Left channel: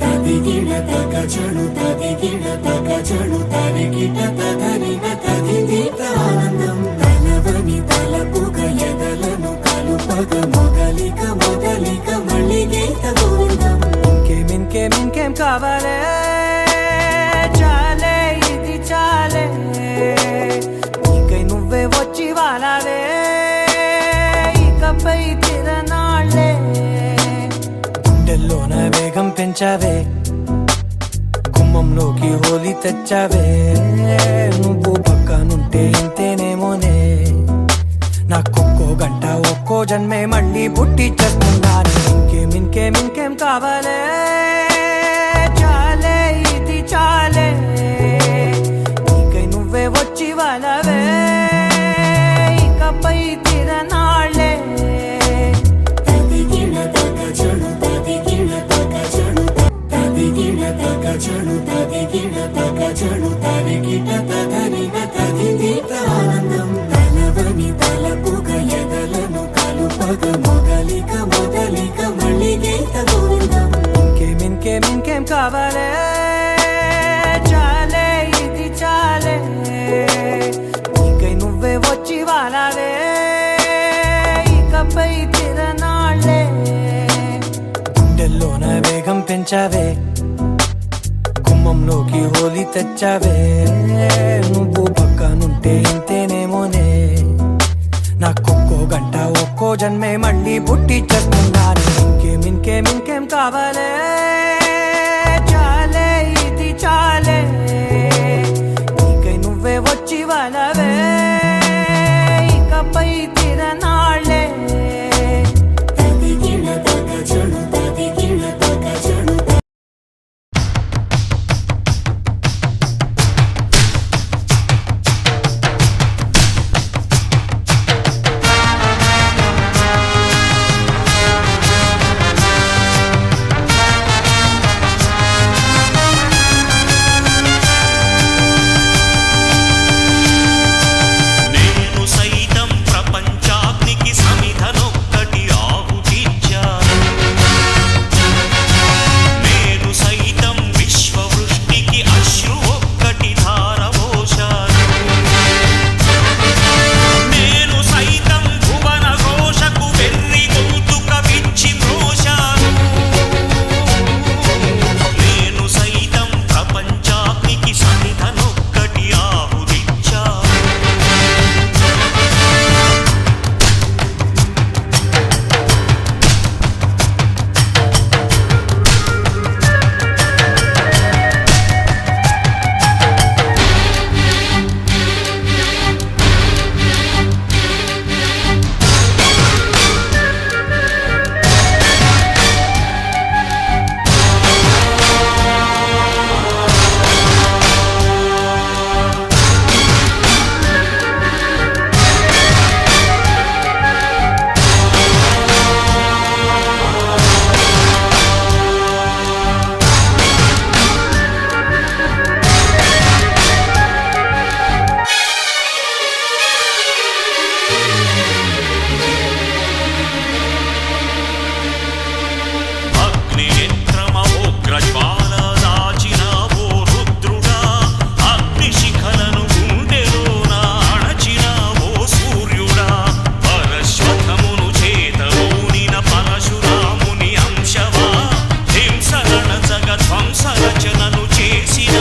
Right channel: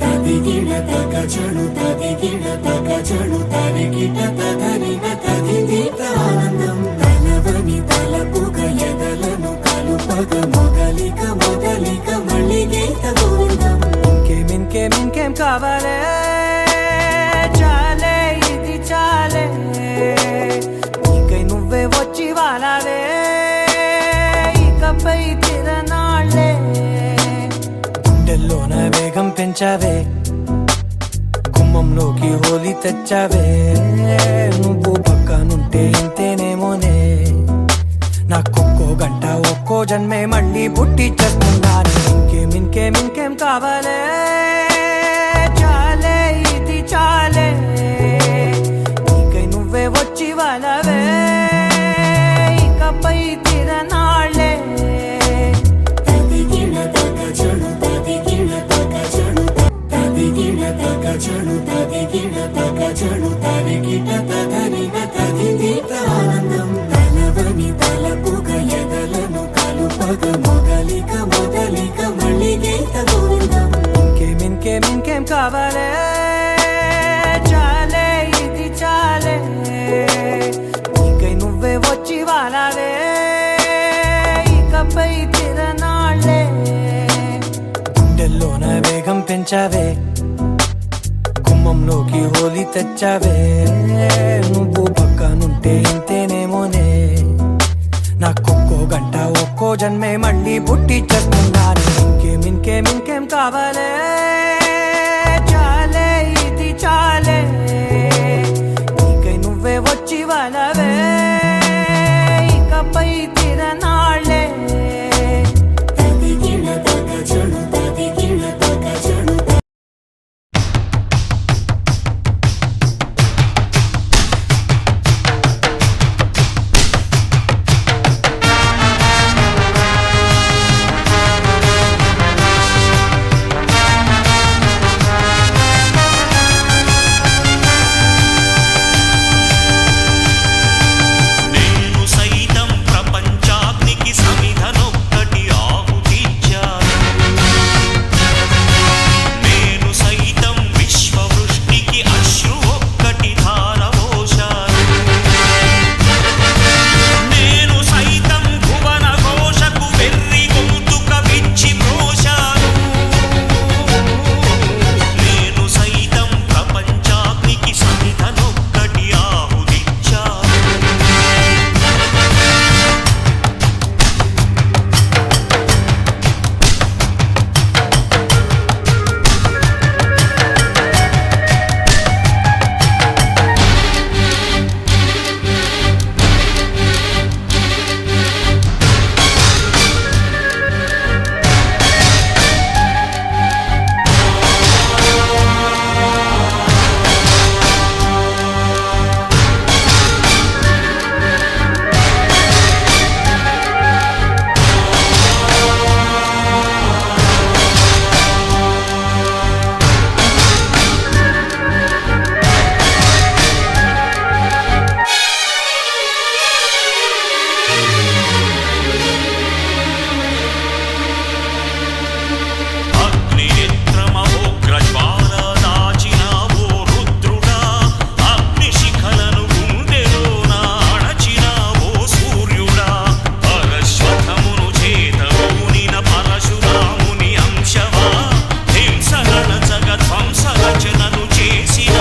తదిగిణ తగచడు తదిగిణ తగచడు తరిగిట తదరిన తదిదీత ఆనందం తలవని తలపుగ ఎదలను కలుపగ మొదలిక మొదలిక మళ్ళీ గీత గోవిందం. ఇంకేం కావాలే చాలే ఇది చాలే నీకై నువ్వే వచ్చి వాలావే ఇకపై తిరనాళ్ళే గుండెల్లోన వేగం పెంచావే గుమ్మంలోకి హోలీ తెచ్చావే నువ్వు పక్కనుంటే ఇంతేనేమోనే నాకొక్కో గంట ఒక్కో జన్మే మళ్ళీ పుట్టి చేస్తున్నాను. ఇంకేం కావాలే చాలే ఇది చాలే నీకై నువ్వే వచ్చి వాలవే ఇకపై తిరనాళ్ళే. తదిగిణ తగచడు తదిగిణ తగచడు తదిగిణ తగచడు తదిగిణ తగచడు తరిగిట తదరిన తదిదీత ఆనందం తలవని తలపుగ ఎదలను కలుపగ మొదలిక మొదలిక మళ్ళీ గీత గోవిందం. ఇంకేం కావాలే చాలే ఇది చాలే నీకై నువ్వే వచ్చి వాలావే ఇకపై తిరనాళ్ళే గుండెల్లోన వేగం పెంచావే గుమ్మంలోకి హోలీ తెచ్చావే నువ్వు పక్కనుంటే ఇంతేనేమోనే నాకొక్కో గంట ఒక్కో జన్మే మళ్ళీ పుట్టి చేస్తున్నాను. ఇంకేం కావాలే చాలే ఇది చాలే నీకై నువ్వే వచ్చి వాలవే ఇకపై తిరనాళ్ళే. తదిగిణ తగచడు తదిగిణ తగచడు ప్రపంచాగ్నికి సమిధనొక్కటి ఆహుతిచ్చాను నేను సైతం విశ్వవృష్టికి అశ్రు ఒక్కటి ధారవోశాను నేను సైతం భువన ఘోషకు వెర్రి గొంతుక విచ్చి మ్రోశాను నేను సైతం ప్రపంచాగ్నికి సమిధనొక్కటి ఆహుతిచ్చాను అగ్నినేత్రమహోగ్రజ్వాల దాచినావో రుద్రుడా అగ్నిశిఖలను గుండెలోన అణచినావో సూర్యుడా పరశ్వథమును చేతూనిన పరశురాముని అంశవా హింసగణ జగధ్వంస రచనను చేసిన